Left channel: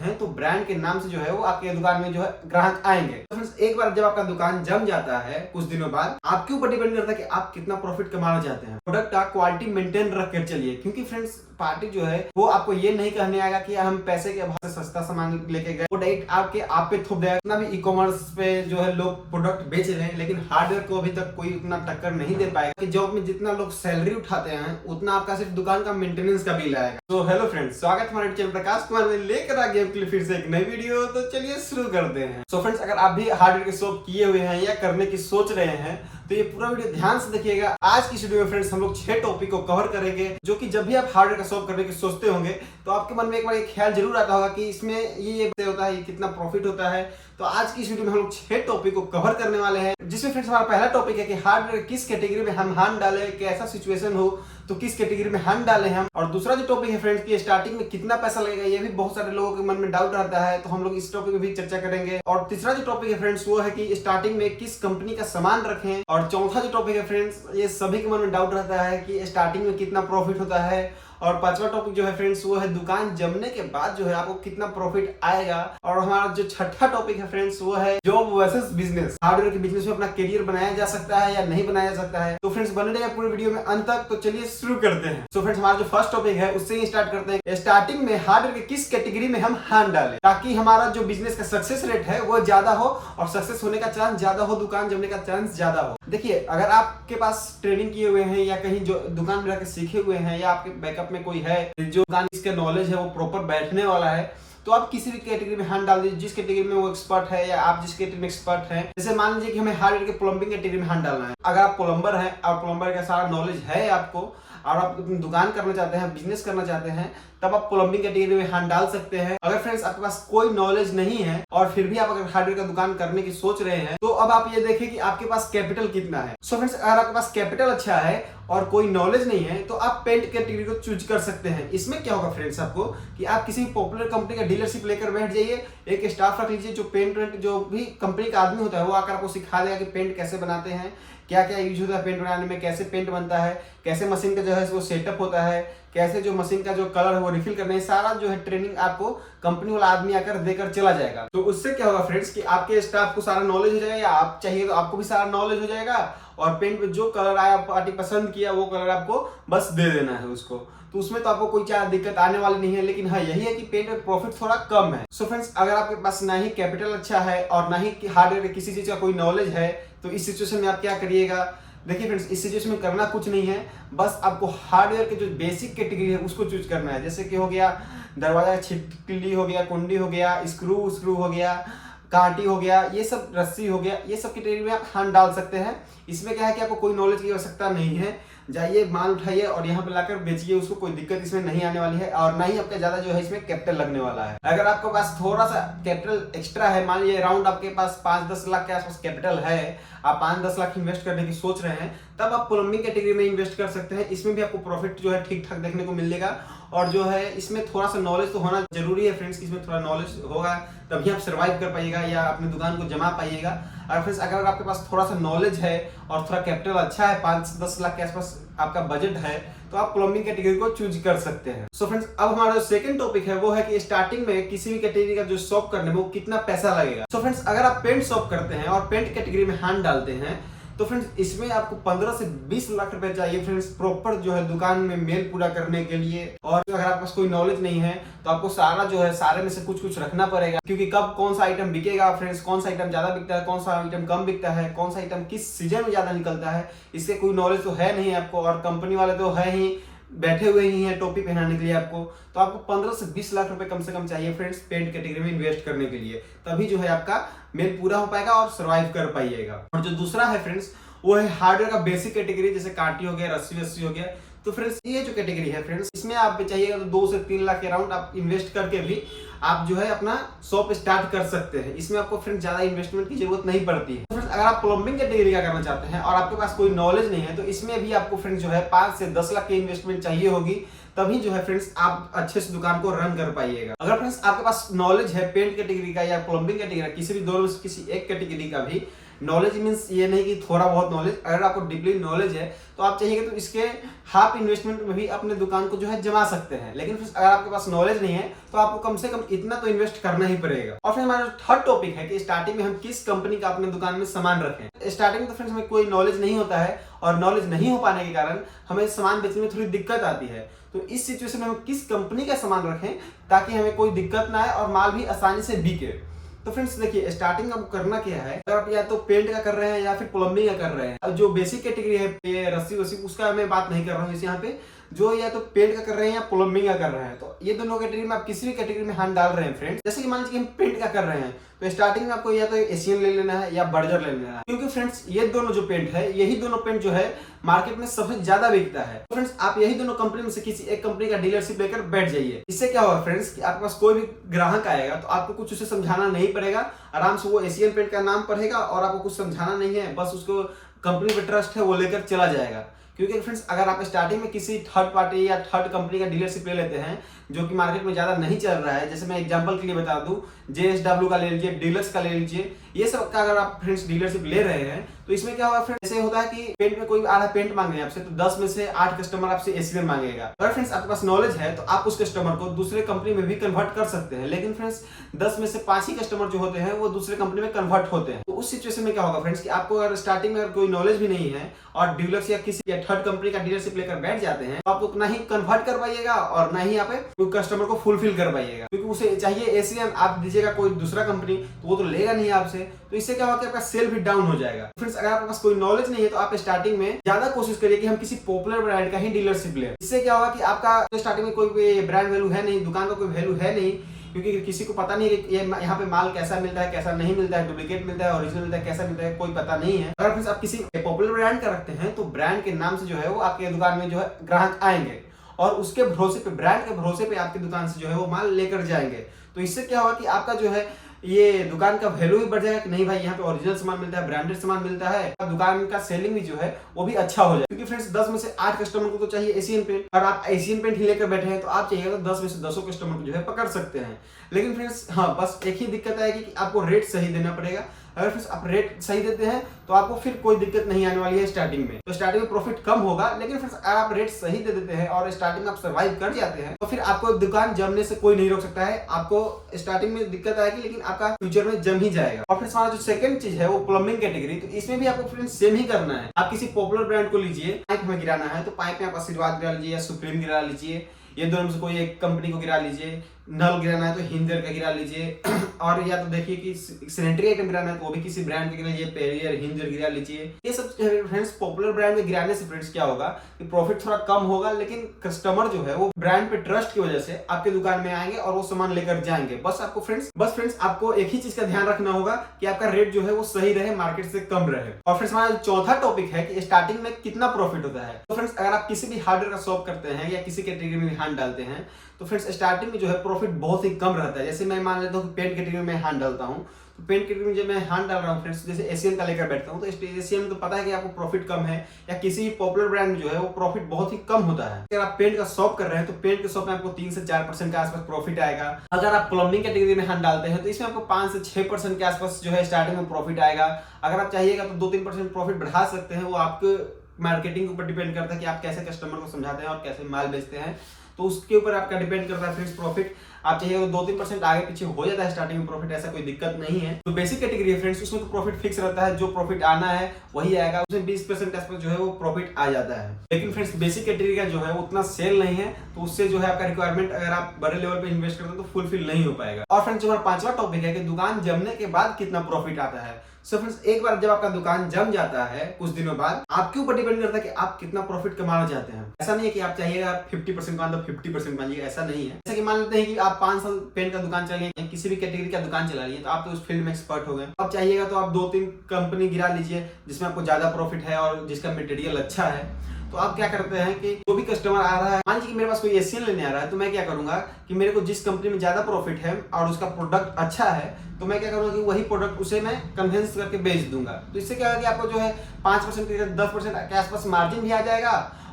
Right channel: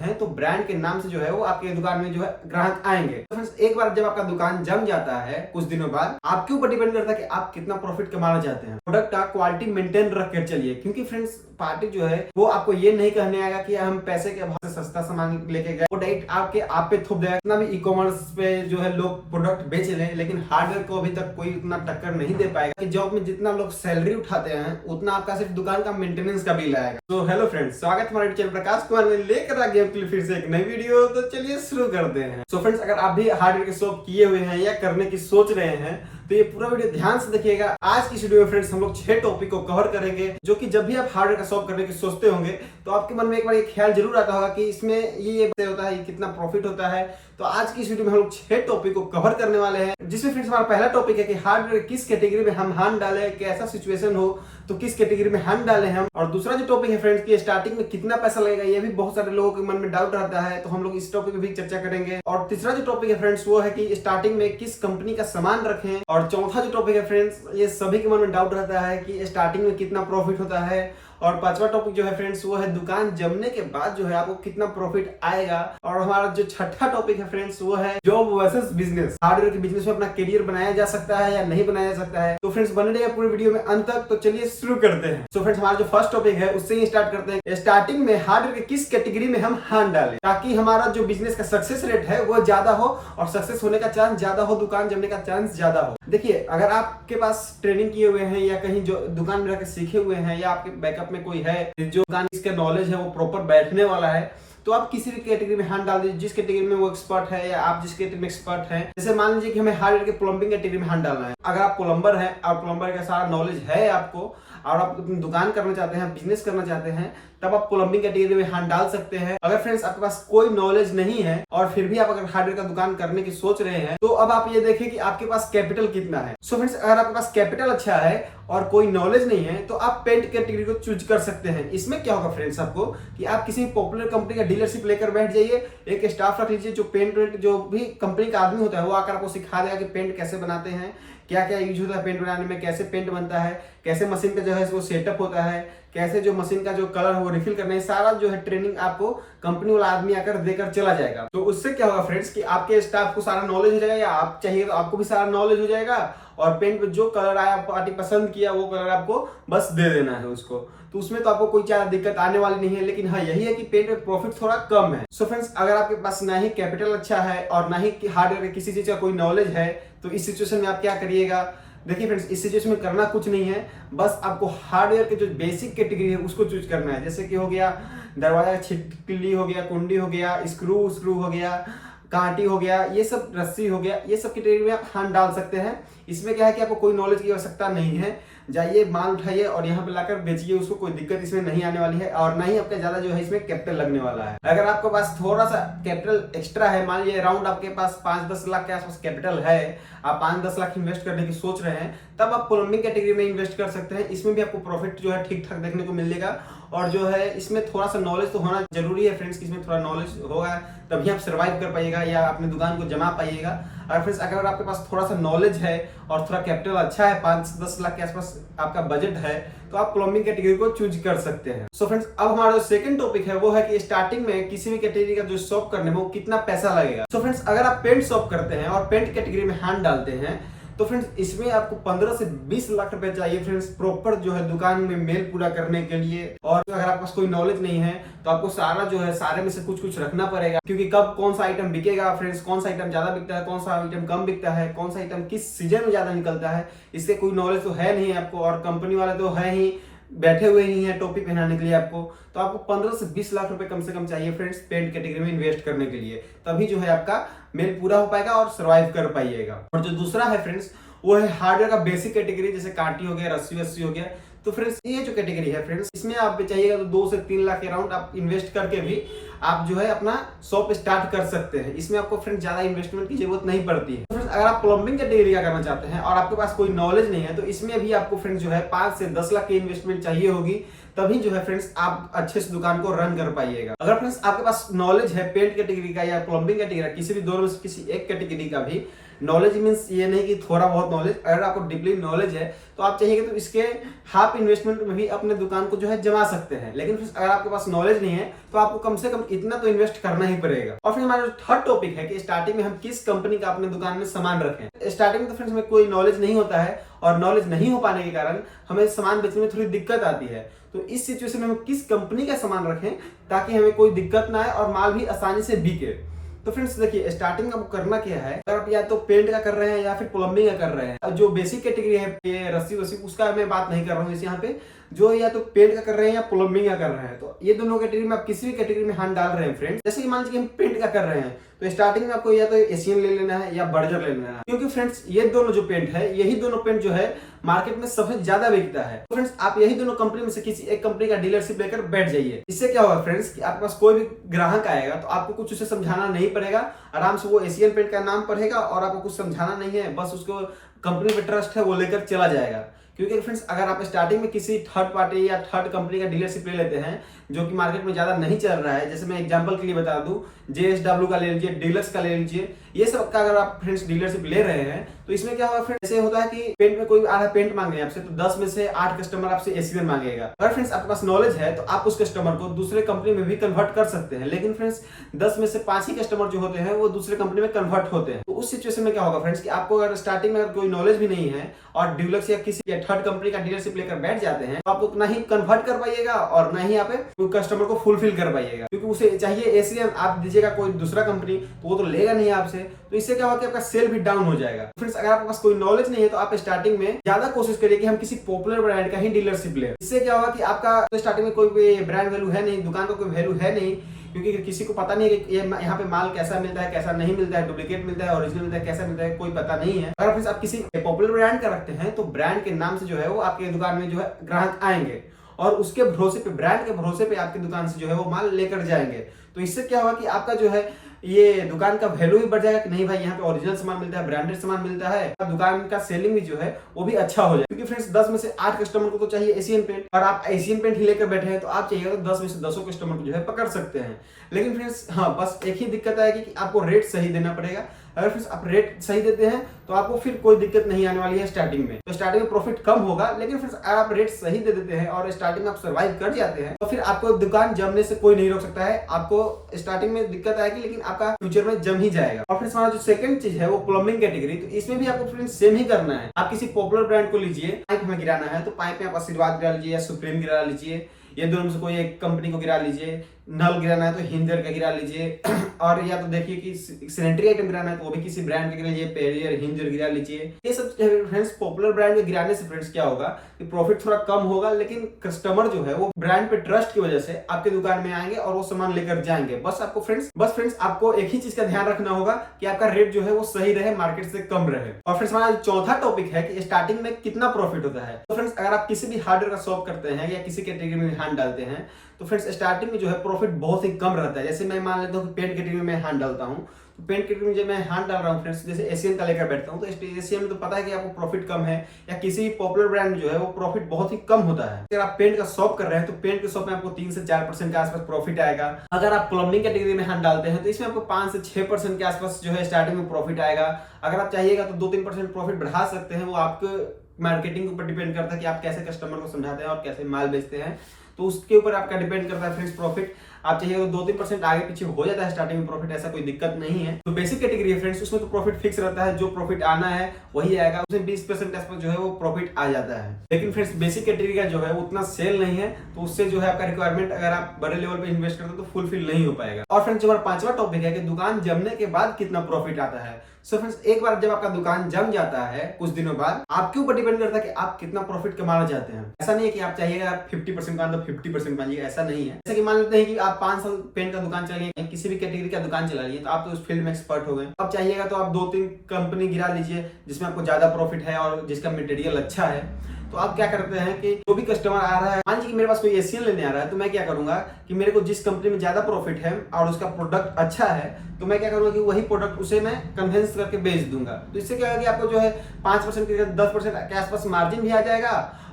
हैं तो ब्रांड के नाम से जो है वो आपके दुकान में जो है ग्राहक आएंगे। तो फ्रेंड्स एक बार जब आपका दुकान जम जाता है कुछ दिनों बाद, आपके ऊपर डिपेंड करता है कि आप कितना प्रॉफिट कमाना चाहते हैं। प्रोडक्ट का क्वालिटी मेंटेन रख कर चलिए, क्योंकि फ्रेंड्स पार्टी जो है वो आपको ये नहीं कहने आएगा कि हम पैसे के अभाव से सस्ता सामान लेके गए, वो डायरेक्ट आपके आप पे थोप देगा। इतना भी ई कॉमर्स पे जो है लोग प्रोडक्ट बेच रहे हैं, लेकिन हार्डवेयर को अभी तक कोई उतना टक्कर नहीं दे पाएगा कि जॉब में जितना लोग सैलरी उठाते हैं उतना आपका सिर्फ दुकान का मेंटेनेंस का बिल आएगा। तो हेलो फ्रेंड्स, स्वागत है हमारे चैनल प्रकाश कुमार में, लेकर आ गए आपके लिए फिर से एक नई वीडियो। तो चलिए शुरू करते हैं। सो फ्रेंड्स, अगर आप भी हार्डवेयर के शॉप किए हुए हैं या करने की सोच रहे हैं तो ये पूरा वीडियो ध्यान से देखिएगा। आज की वीडियो में फ्रेंड्स हम लोग 6 टॉपिक को कवर करेंगे, जो कि जब भी आप हार्डवेयर का शॉप करने की सोचते होंगे तो आपके मन में एक बार ये ख्याल जरूर आता होगा कि इसमें ये होता है, कितना प्रॉफिट होता है। तो आज की वीडियो में हम लोग 6 टॉपिक को कवर करने वाले हैं, जिसमें फ्रेंड्स हमारा पहला टॉपिक है कि हार्डवेयर किस कैटेगरी में हम हाथ डालें, कि ऐसा सिचुएशन हो तो किस कैटेगरी में हाथ डालें हम। और दूसरा जो टॉपिक है फ्रेंड्स कि स्टार्टिंग में कितना पैसा लगेगा, ये भी बहुत सारे लोगों के मन में डाउट रहता है, तो हम लोग इस टॉपिक पे भी चर्चा करेंगे। और तीसरा जो टॉपिक है फ्रेंड्स वो है कि स्टार्टिंग में किस कंपनी का सामान रखें। और चौथा जो टॉपिक है फ्रेंड्स, ये सभी के मन में डाउट रहता है कि स्टार्टिंग में कितना प्रॉफिट होता है। और पांचवा टॉपिक जो है फ्रेंड्स वो है दुकान जमने के बाद जो है आपको कितना प्रॉफिट आएगा। और हमारा जो छठा टॉपिक है फ्रेंड्स वो है जॉब वर्सेस बिजनेस, हार्डवेयर के बिजनेस में अपना करियर बनाया जा सकता है या नहीं बनाया जा सकता है। तो फ्रेंड्स बने रहिए पूरे वीडियो में अंत तक। तो चलिए शुरू करते हैं। तो फ्रेंड्स हमारा जो फर्स्ट टॉपिक है उससे ही स्टार्ट करते हैं। स्टार्टिंग में हार्डवेयर के किस कैटेगरी में हम हाथ डालें ताकि हमारा जो बिजनेस का सक्सेस रेट है वो ज्यादा हो और सक्सेस होने का चांस ज्यादा हो, दुकान जमने का चांस ज्यादा हो। देखिए, अगर आपके पास ट्रेनिंग किए हुए हैं या कहीं जो दुकान में रहकर सीखे हुए हैं या आपके बैकअप में कोई है जो दुकान इसका नॉलेज है वो प्रॉपर बैठने वाला है, तो आप किसी भी कैटेगरी में हाथ डाल दीजिए जिस कैटेगरी में वो एक्सपर्ट है या आप जिस कैटेगरी में एक्सपर्ट हैं। जैसे मान लीजिए कि हमें हार्डवेयर के प्लम्बिंग कैटेगरी में हाथ डालना है। अगर आप प्लम्बर हैं और प्लम्बर का सारा नॉलेज है आपको और आप अपनी दुकान करना चाहते हैं, बिजनेस करना चाहते हैं, तब आप प्लम्बिंग कैटेगरी में हाथ डाल सकते हैं। अगर फ्रेंड्स आपके पास कोई नॉलेज नहीं है और फिर भी आप अगर हार्डवेयर का दुकान करने की सोच रहे हैं, तो अब आप ये देखिए कि आपके पास कैपिटल कितना है। सो फ्रेंड्स, अगर आपके पास कैपिटल अच्छा है और कोई नॉलेज नहीं है तो आप पेंट कैटेगरी को चूज कर सकते हैं। इसमें क्या होगा फ्रेंड्स आपको कि आप किसी पॉपुलर कंपनी का डीलरशिप लेकर बैठ जाइए, एक स्टाफ रख लीजिए जो पेंट जो भी कंपनी का आदमी होता है वो आकर आपको सिखा देगा कि पेंट कैसे बनाते हैं, क्या क्या यूज होता है पेंट बनाने में, कैसे पेंट बनता है, कैसे मशीन का जो है वो सेटअप होता है, कैसे जो मशीन का जो कलर है वो रिफिल करना है, सारा जो है ट्रेनिंग आपको कंपनी वाला आदमी आकर देकर चला जाएगा। तो उससे क्या होगा फ्रेंड्स कि आपके स्टाफ को सारा नॉलेज हो जाएगा, या आप चाहिए तो आपको भी सारा नॉलेज हो जाएगा और पेंट पे जो कलर आया पार्टी पसंद किया वो कलर आपको बस दे देना है उसको। तो उसमें तो आपको कोई ज्यादा दिक्कत आने वाली नहीं है। लेकिन हाँ, यही है कि पेंट में प्रॉफिट थोड़ा कम है। सो फ्रेंड्स, अगर आपके पास ना ही कैपिटल अच्छा है और ना ही हार्डवेयर किसी चीज का कोई नॉलेज है, तो इस सिचुएशन में आप क्या करिएगा। देखिए फ्रेंड्स, इस सिचुएशन में करना कुछ नहीं है, बस आपको हार्डवेयर के जो बेसिक कैटेगरी है उसको चूज करना है। जैसे कि हो गया दरवाजा छिटकली हो गया, कुंडी हो गया, स्क्रू हो गया, कांटी हो गया, ये सब रस्सी हो गया, ये सब कैटेगरी में आप हाथ डाल सकते हैं। इसमें क्या है कि आपको कोई नॉलेज की आवश्यकता नहीं है, जाइए माल उठाइए और यहाँ पे लाकर बेचिए उसको, कोई दिक्कत इसमें नहीं आने वाली है और ना ही आपका ज्यादा जो है इसमें कैपिटल लगने वाला है। अगर आपके पास थोड़ा सा कैपिटल एक्स्ट्रा है, मान लीजिए अराउंड आपके पास 5-10 लाख के आसपास कैपिटल है, आप 5-10 लाख इन्वेस्ट करने की सोच रहे हैं, तब आप प्लम्बिंग कैटेगरी में इन्वेस्ट कर सकते हैं। इसमें भी आपको प्रॉफिट जो है ठीक ठाक देखने को मिलेगा और जो है इसमें थोड़ा सा नॉलेज तो होना जरूरी है फ्रेंड्स, इसमें थोड़ा नॉलेज होगा तभी आप सर्वाइव कर पाइएगा या अपनी दुकान को जमा पाइएगा। और फ्रेंड्स, अगर आपके पास थोड़ा सा नॉलेज है और थोड़ा कैपिटल अच्छा है, 5-10 लाख के आसपास आपका बजट है, तो आप प्लम्बिंग कैटेगरी को चूज कर सकते हैं। सो फ्रेंड्स, अब हमारा जो सेकंड टॉपिक है वो है कि स्टार्टिंग में किसी भी कैटेगरी का जो शॉप करने में वो कितना पैसा लगेगा। सो फ्रेंड्स, अगर आप पेंट शॉप करते हैं और पेंट कैटेगरी में हाथ डालते हैं तो फ्रेंड्स इसमें आपको 15 से 20 लाख रुपए चाहिए फ्रेंड्स, प्रॉपर जो है दुकान में मेल पूरा करने के लिए। और अगर आपके पास कोई नॉलेज नहीं है तो आपको सारा जो है सारे में से कुछ कुछ रखना पड़ेगा, क्योंकि कब कौन सा आइटम बिकेगा फ्रेंड्स, कौन सा आइटम ज्यादा बिकता है, कौन सा आइटम कम बिकता है, कौन सा आइटम किस सीजन में ज्यादा निकलता है, इसके कोई नॉलेज तो है नहीं आपको। और कंपनी वाले तो है ही, बैठे हुए ही हैं टोपी पहनाने के लिए आपको। तो आपको 15 से 20 लाख रुपए कम से कम चाहिए फ्रेंड्स पेंट कैटेगरी में इन्वेस्ट करने के लिए, तभी जो है आपका मेल पूरा हो पाएगा और सर्वाइव कर पाइएगा। और जो दूसरा है फ्रेंड्स वो है हार्डवेयर का बेसिक कैटेगरी, जैसे कांटी हो गया, रस्सी वस्सी हो गया। तो फ्रेंड्स ये जो कैटेगरी है फ्रेंड्स, इसमें आप चाहिएगा तो 2 से 3 लाख के अराउंड आप इन्वेस्ट करके भी आप जो है अपना शॉप स्टार्ट कर सकते हैं। इसमें आपको फ्रेंड्स ज्यादा इन्वेस्टमेंट की जरूरत नहीं पड़ती है। फ्रेंड्स, अगर आप प्लम्बिंग कैटेगरी का करना चाहते हैं और आपके पास कोई नॉलेज नहीं है तो इसमें भी आपको फ्रेंड्स जो है 5 से 10 लाख की इन्वेस्टमेंट चाहिए होगी, तभी जो है फ्रेंड्स आप अच्छे से दुकान को रन कर पाइएगा। अगर फ्रेंड्स आपके पास नॉलेज है पेंट कैटेगरी का या प्लम्बिंग कैटेगरी, किसी भी दोनों में से किसी एक कैटेगरी का भी, नॉलेज मीन्स ये नहीं कि थोड़ा बहुत नॉलेज, अगर आपको डीपली नॉलेज है तो आप चाहिए तो इसके हाफ इन्वेस्टमेंट में भी अपने दुकान को जो है जमा सकते हैं। लेकिन फिर अगर आपके पास नॉलेज नहीं है तो आपको कम से कम इतना तो इन्वेस्ट करना ही पड़ेगा। और फिर हमारा जो थर्ड टॉपिक है कि स्टार्टिंग में हम किस कंपनी का अपने दुकान में सामान रखें। स्टार्टिंग में तो फ्रेंड्स में कोई नॉलेज नहीं होता है और नॉलेज नहीं हो पाने के कारण हमें सामान बेचने में थोड़ी दिक्कत आती है। तो इस सिचुएशन में हम किस कंपनी का सामान रखें ताकि हमें कोई दिक्कत ना आए और माल भी आसानी से बिके। तो फ्रेंड्स देखिए, स्टार्टिंग आपको करना क्या है, अगर आप या तो पेंट का कर रहे हैं या फिर प्लम्बिंग का कर रहे हैं, जो बेसिक कैटेगरी है ये रस्सी वस्सी उसका मैं बात नहीं कर रहा हूँ इस यहाँ पे, जो या तो पेंट का कर रहे हैं या प्लम्बिंग का कर रहे हैं, तो ये दोनों कैटेगरी में आप किसी भी कैटेगरी में हाथ डाल रहे हैं फ्रेंड्स। जैसे कि मान लीजिए हम पेंट का कर रहे हैं तो स्टार्टिंग में आपको या तो एशियन ले लेना है या बर्जर ले लेना है, क्योंकि फ्रेंड्स ये दोनों जो पेंट है, यही दोनों पेंट जो है मार्केट में सबसे ज्यादा बिकता है। तो फ्रेंड्स आप यही दोनों कंपनी में से किसी एक कंपनी का डीलरशिप लेकर बैठ जाइए। इससे क्या होगा फ्रेंड्स कि आपके पास कोई भी ग्राहक आएगा तो आपको कुछ उसे समझाना नहीं पड़ेगा, आराम से वो एशियन पेंट का नाम पढ़ेगा और आपको कुछ समझाना नहीं है, बस उसको कंपनी पे ट्रस्ट है वो लेकर चला जाएगा। क्योंकि फ्रेंड्स अगर आप स्टार्टिंग में किसी थर्ड पार्टी या थर्ड कंपनी का डीलरशिप ले लेते हैं जो कि मार्केट में ज्यादा नहीं चल रहा है, जैसे मैं एग्जांपल के लिए बता दूं, JSW का ले लीजिए, डीलक्स का ले लीजिए, ये सब का अगर आप फ्रेंड्स डीलरशिप ले रहे हैं तो इसमें क्या होगा फ्रेंड्स, ऐसे होता है कि पेंट में कोई आधा पेंट मांग रहे हैं आपसे तो 10 में से 8 कस्टमर आपसे एशियन मांगेगा। अगर फ्रेंड्स आपके पास नॉलेज है तो आप उस कस्टमर को दूसरे कंपनी में भी कन्वर्ट कर सकते हैं। लेकिन फ्रेंड्स 10 में से 5 ही कस्टमर जो होते हैं वो दूसरे कंपनी में कन्वर्ट होते हैं। तो उस सिचुएशन में क्या होगा फ्रेंड्स कि आपको अगर स्टार्टिंग में अगर कोई नॉलेज भी नहीं है और डीलक्स या किसी थर्ड कंपनी का डीलरशिप लेकर बैठ जाते हैं तो आप ना ही कन्वर्ट कर पाइएगा और ना ही आप कस्टमर को फुलफिल कर पाइएगा, क्योंकि उसे चाहिए एशियन, आप दीजिएगा कोई दूसरा कंपनी तो वो तो लेगा नहीं आपसे। तो इससे क्या होगा कि आपका सेल भी डाउन हो जाएगा। फ्रेंड्स अगर आपके पास कोई नॉलेज नहीं है तो आप स्टार्टिंग में ज्यादा कोशिश करिए कि हम किसी पॉपुलर ब्रांड का ही डीलरशिप लें। इससे क्या होगा कि आपका स्टार्टिंग में कोई ब्रांड वैल्यू है नहीं, दुकान का कोई वैल्यू है नहीं, क्योंकि किसी को पता नहीं है कि ये यहाँ पे माल कैसा मिलता है, कैसा नहीं मिलता है, डुप्लीकेट मिलता है, ओरिजिनल मिलता है, कैसा मिलता है, कोई पता नहीं है। अगर आप किसी पॉपुलर ब्रांड का रखते हैं तो ब्रांड के नाम से जो है वो आपके दुकान में जो है ग्राहक आएंगे और उसके भरोसे पे, ब्रांड के भरोसे पे आपकी दुकान से जो है वो माल लेकर जाएंगे। तो इससे क्या होगा कि आपका जो है ये दुकान का वैल्यू भी बढ़ जाएगा कि नहीं भाई यहाँ पे ओरिजिनल सामान मिलता है, ब्रांडेड सामान मिलता है, दुकान का सेलिंग भी जो है वो भी अच्छा हो जाए। क्योंकि फ्रेंड्स 10 में से 8 कस्टमर को तो चाहिए एशियन पेंट और आप एशियन पेंट ही लेकर बैठे हैं तो आप चाहिए तो 10 में से 10 कस्टमर को जो है पकड़ सकते हैं। लेकिन फ्रेंड्स हाँ, बस एक ही दिक्कत आएगी कि आपको रेट सही देना पड़ेगा। अगर फ्रेंड्स आप रेट सही देते हैं तो आपको फिर कोई दिक्कत नहीं आने वाली है स्टार्टिंग में। तो स्टार्टिंग में प्रॉफिट कम होगा, लेकिन फ्रेंड्स अगर आप रेट सही दे देते हैं और स्टार्टिंग में आप सर्वाइव कर जाते हैं तो फिर आपको दुकान जमने से कोई नहीं रोक सकता है। आपको स्टार्टिंग में दिक्कत आएगी लेकिन आपका फ्यूचर में जम ही जाएगा। और फ्रेंड्स हमारा जो सेकंड चीज है वो प्लम्बिंग कैटेगरी, तो इसमें भी आपको फ्रेंड्स सेम ही करना है। आप किसी पॉपुलर ब्रांड को लीजिए, पाइप में गिराना है तो पाइप में आप आशीर्वाद गिरा लीजिए या सुप्रीम गिरा लीजिए, ये दोनों में से कोई एक कंपनी को गिरा लीजिए। नल गिराना है तो हिंदर का गिरा लीजिए और या तो देखिए कि सैनिटरी आइटम गिराना है तो वो भी किसी ब्रांड का गिरा लीजिए, पेरियर, हिंजर गिरा लीजिए। ये सब फ्रेंड्स पॉपुलर ब्रांड में गिराने से फ्रेंड्स क्या होगा कि प्रॉफिट थोड़ा कम होगा, लेकिन कस्टमर जो है वो ब्रांड पे ट्रस्ट की वजह से आपके दुकान में आएंगे और वो सामान लेकर जाएंगे। बस फ्रेंड्स आपको एक ही चीज का ध्यान रखना होगा कि आपका रेट जो है वो सही रहे, मार्केट से कम रहे। और फ्रेंड्स हमारा चौथा टॉपिक है कि स्टार्टिंग में कितना प्रॉफिट होता है। तो फ्रेंड्स अगर आप किसी भी हार्डवेयर का शॉप करते हैं या किसी कैटेगरी में हाथ डालते हैं तो फ्रेंड्स स्टार्टिंग में जो है प्रॉफिट बहुत ही कम रहता है। जैसे मैं मान लेता हूँ कि पेंट कैटेगरी में हाथ डालता हूँ तो पेंट कैटेगरी में जब मैं हाथ डाल रहा हूँ फ्रेंड्स, जैसे एशियन का लेकर बैठता हूँ तो एशियन में तो पता है कि आपको प्रॉफिट कम है, या किसी पॉपुलर ब्रांड में जो है वो प्रॉफिट बहुत ही कम होता है। अगर आप पेंट का शॉप कर रहे हैं तो पेंट के शॉप में आपको 3 से 4% के आसपास प्रॉफिट आएगा। अगर आप प्लम्बिंग कैटेगरी में हाथ डालते हैं तो इसमें आपको 5 से 6% के आसपास जो है स्टार्टिंग में प्रॉफिट आएगा। अगर आप चाहिएगा तो 2-3% प्रॉफिट बढ़ा सकते हैं, वो आपके मार्केटिंग के ऊपर डिपेंड करता है कि आप कैसे कस्टमर को समझाते हैं और कैसे माल बेचते हैं, तो उसके ऊपर आपका डिपेंड करता है फ्रेंड्स प्रॉफिट। आप चाहिए तो 2-3% आगे पीछे हो जाता है स्टार्टिंग में प्रॉफिट, ऐसा कोई दिक्कत नहीं है। तो बेसिक कैटेगरी है फ्रेंड्स, उसमें तो प्रॉफिट फिक्स रहता है, जो प्रॉफिट आना है वही आएगा, उसमें 20% के आसपास जो है वो प्रॉफिट आ जाता है। लेकिन फ्रेंड्स बेसिक कैटेगरी का जो है उतना सेल नहीं है, तो उससे जो है आपका रिक्वायरमेंट अगर आप बड़े लेवल पे इन्वेस्ट करते हो तो फुलफिल नहीं हो पाएगा। और फ्रेंड्स हमारा पांचवा टॉपिक है कि दुकान जमने के बाद कितना प्रॉफिट आता है। सो फ्रेंड्स एक बार जब आपका दुकान जम जाता है कुछ दिनों बाद, आपके ऊपर डिपेंड करता है कि आप कितना प्रॉफिट कमाना चाहते हैं। ऐसा नहीं है कि आप चाहिएगा आप 50% कमा दो 50% कमाइए, ऐसा नहीं है। जैसे कि मान लेते हैं कि आप 5 साल पेंट का दुकान चलाइए, किसी भी कैटेगरी का दुकान चला लिए, तो आप तो उस फील्ड में एक्सपर्ट हो गए। अब चाहिएगा तो आप 2-3 कंपनी गिरा लीजिए जिसमें आपको ज्यादा प्रॉफिट है और जिसका मटेरियल अच्छा है। तो आप क्या करते हैं कि जो भी कस्टमर आ रहा है, मान लीजिए कि मेरे पास कोई एशियन लेने आ रहा है, तो मैं क्या करूंगा कि मेरे को जिस कंपनी में ज्यादा प्रॉफिट है और उसका प्रोडक्ट अच्छा है तो मैं क्या करूंगा कि वही प्रोडक्ट उसे मैं कन्विंस करके बेच दूंगा। तो इससे क्या होगा कि आपको जो है 5% के 10% के आसपास मार्जिन भी आ जाएगा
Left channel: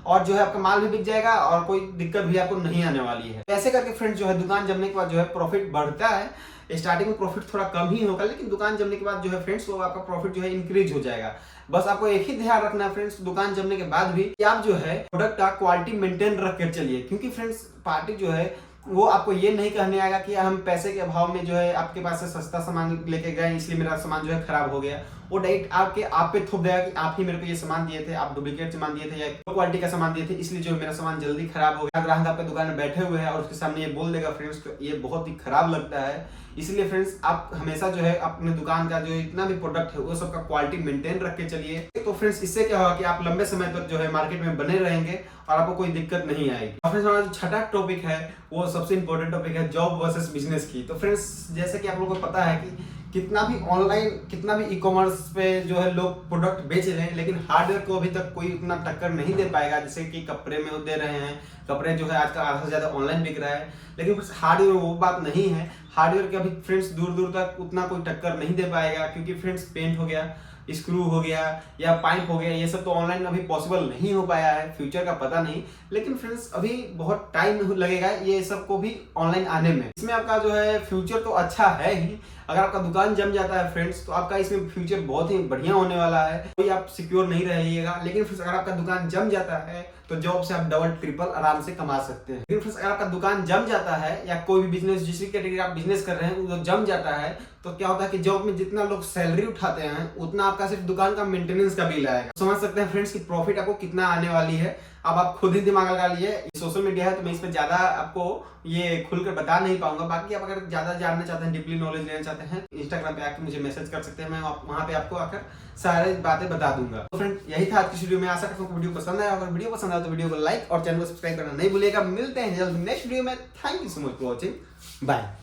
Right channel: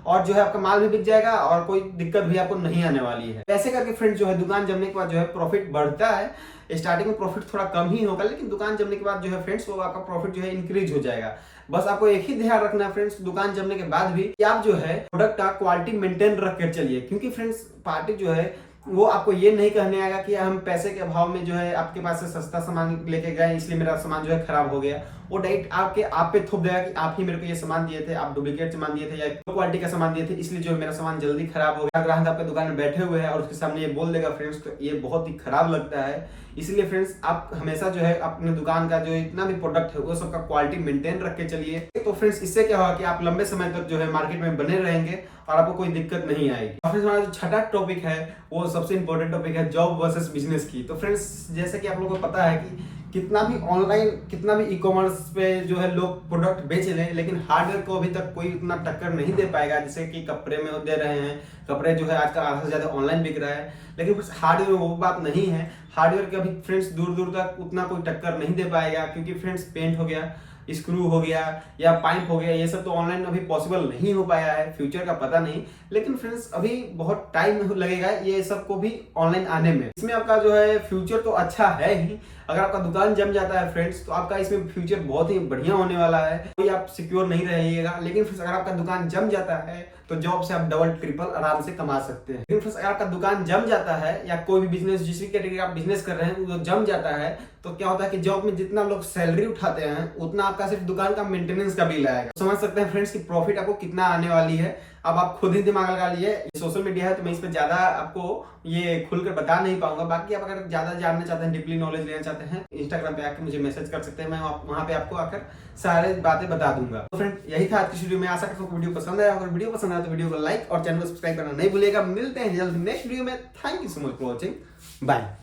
और जो है आपका माल भी बिक जाएगा और कोई दिक्कत भी आपको नहीं आने वाली है। ऐसे करके फ्रेंड्स जो है दुकान जमने के बाद जो है प्रॉफिट बढ़ता है। स्टार्टिंग में प्रॉफिट थोड़ा कम ही होगा, लेकिन दुकान जमने के बाद जो है फ्रेंड्स वो आपका प्रॉफिट जो है इंक्रीज हो जाएगा। बस आपको एक ही ध्यान रखना है फ्रेंड्स, दुकान जमने के बाद भी कि आप जो है प्रोडक्ट का क्वालिटी मेंटेन रख कर चलिए, क्योंकि फ्रेंड्स पार्टी जो है वो आपको ये नहीं कहने आएगा कि हम पैसे के अभाव में जो है आपके पास से सस्ता सामान लेके गए इसलिए मेरा सामान जो है खराब हो गया। वो डायरेक्ट आप पे थोप देगा कि आप ही मेरे को ये सामान दिए थे, आप डुप्लीकेट सामान दिए थे या क्वालिटी का सामान दिए थे, इसलिए जो मेरा सामान जल्दी खराब हो गया। ग्राहक आपके दुकान में बैठे हुए हैं और उसके सामने ये बोल देगा फ्रेंड्स, तो ये बहुत ही खराब लगता है। इसलिए फ्रेंड्स आप हमेशा जो है अपने दुकान का जो इतना भी प्रोडक्ट है वो सबका क्वालिटी मेंटेन रख के चलिए। तो फ्रेंड्स इससे क्या होगा कि आप लंबे समय तक जो है मार्केट में बने रहेंगे और आपको कोई दिक्कत नहीं आएगी। और फ्रेंड्स हमारा जो छठा टॉपिक है वो सबसे इंपॉर्टेंट टॉपिक है जॉब वर्सेस बिजनेस की। तो फ्रेंड्स जैसे कि आप लोगों को पता है कि कितना भी ऑनलाइन कितना भी ई कॉमर्स पे जो है लोग प्रोडक्ट बेच रहे हैं, लेकिन हार्डवेयर को अभी तक कोई उतना टक्कर नहीं दे पाएगा। जैसे कि कपड़े में दे रहे हैं, कपड़े जो है आजकल आधा से ज्यादा ऑनलाइन बिक रहा है, लेकिन हार्डवेयर में वो बात नहीं है। हार्डवेयर के अभी फ्रेंड्स दूर दूर तक उतना कोई टक्कर नहीं दे पाएगा, क्योंकि फ्रेंड्स पेंट हो गया, स्क्रू हो गया या पाइप हो गया, ये सब तो ऑनलाइन अभी पॉसिबल नहीं हो पाया है। फ्यूचर का पता नहीं, लेकिन फ्रेंड्स अभी बहुत टाइम लगेगा ये सब को भी ऑनलाइन आने में। इसमें आपका जो है फ्यूचर तो अच्छा है ही। अगर आपका दुकान जम जाता है फ्रेंड्स तो आपका इसमें फ्यूचर बहुत ही बढ़िया होने वाला है, कोई आप सिक्योर नहीं रहिएगा। लेकिन फ्रेंड्स अगर आपका दुकान जम जाता है तो जॉब से आप डबल ट्रिपल आराम से कमा सकते हैं। लेकिन फ्रेंड्स अगर आपका दुकान जम जाता है या कोई भी बिजनेस जिस भी कैटेगरी आप बिजनेस कर रहे हैं वो जम जाता है तो क्या होता है कि जॉब में जितना लोग सैलरी उठाते हैं उतना आपका सिर्फ दुकान का मेंटेनेंस का बिल आएगा। समझ सकते हैं फ्रेंड्स कि प्रॉफिट आपको कितना आने वाली है। अब आप खुद ही दिमाग लगा लिए। सोशल मीडिया है तो मैं इस पर ज्यादा आपको ये खुलकर बता नहीं पाऊंगा। बाकी आप अगर ज्यादा जानना चाहते हैं, डीपली नॉलेज लेना चाहते हैं, इंस्टाग्राम पे आकर मुझे मैसेज कर सकते हैं, मैं वहां पे आपको आकर सारी बातें बता दूंगा। तो फ्रेंड यही था आज की वीडियो में। आशा करता हूं वीडियो पसंद आया। अगर वीडियो पसंद आया तो वीडियो को लाइक और चैनल को सब्सक्राइब करना नहीं भूलिएगा। मिलते हैं जल्द नेक्स्ट वीडियो में। Thank you so much for watching. Bye.